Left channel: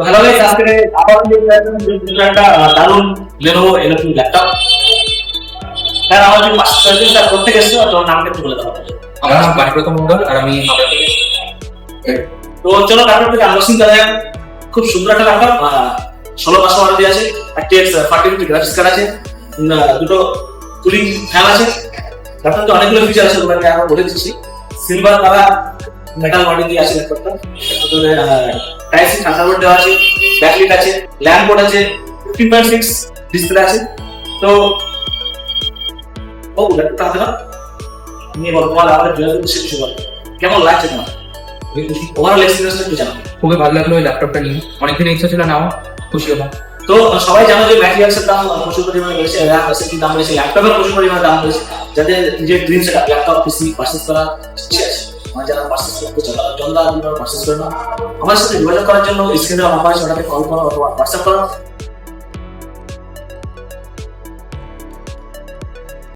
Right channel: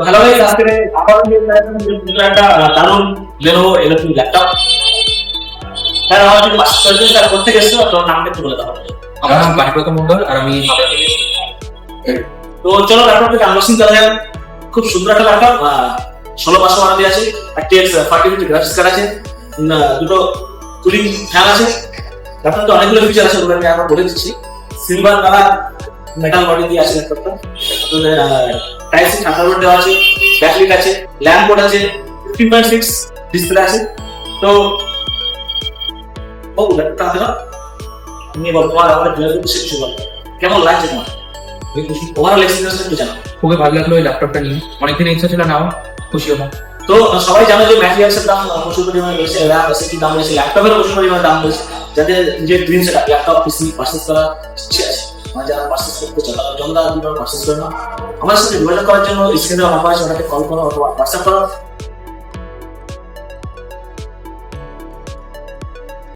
তো hello guys, আজকে আবার একটা দারুণ Lenovo এরকম ল্যাপটপ। হ্যাঁ, আমার যদি চলছে স্যার করতে গেছো তো নামটা একটু বলে দাও। আমার নাম প্রথম মন্ডল আর আমি তো চলো ল্যাপটপটা আনবক্সিং করা যাক। খুব সুন্দর একটা ল্যাপটপ, 16 ওয়াট আছে, RTX 4050 গ্রাফিক্স কার্ড আছে, দুটো কুলিং ফ্যান আছে। ল্যাপটপে অনেকগুলো ফিচার আছে, ওটা আমি আগে বলে দিচ্ছি। সিলভার কালার মেটাল বডি দিয়ে আছে ল্যাপটপটা। টাইপ সি থান্ডারবোল্ট দেওয়া আছে, ব্যাটারি আছে, ল্যাম্প পোর্ট আছে, 15.6 ডিসপ্লে আছে। তো ও ল্যাপটপটা আছে না, আমি বর্তমান আমাদের ডেভেলপ শিখছি। কেমন লাগছে তোমার ওভারঅল এক্সপিরিয়েন্স কি জানো? খুবই ভালো লাগলো এই ল্যাপটপটা নিয়ে, অনেকদিন ইচ্ছা ছিল নাও, খুশি হলাম। তো সবাই জানো যে ম্যাটেরিয়ালসের দাম প্রচুর পরিমাণে রয়েছে, র্যাম আছে, কি দাম রয়েছে, ল্যাপটপের প্রচুর পরিমাণে দাম রয়েছে। যাতে নিজের dream set laptop PC purchase করা মানে যারা পারচেজ করতে চায় তারা জলদা দিবার পারচেজ করে না। আমার সাথে যোগাযোগ করার জন্য স্ক্রিনে নাম্বার আছে, ওটাকে কল করো অথবা হোয়াটসঅ্যাপ করো।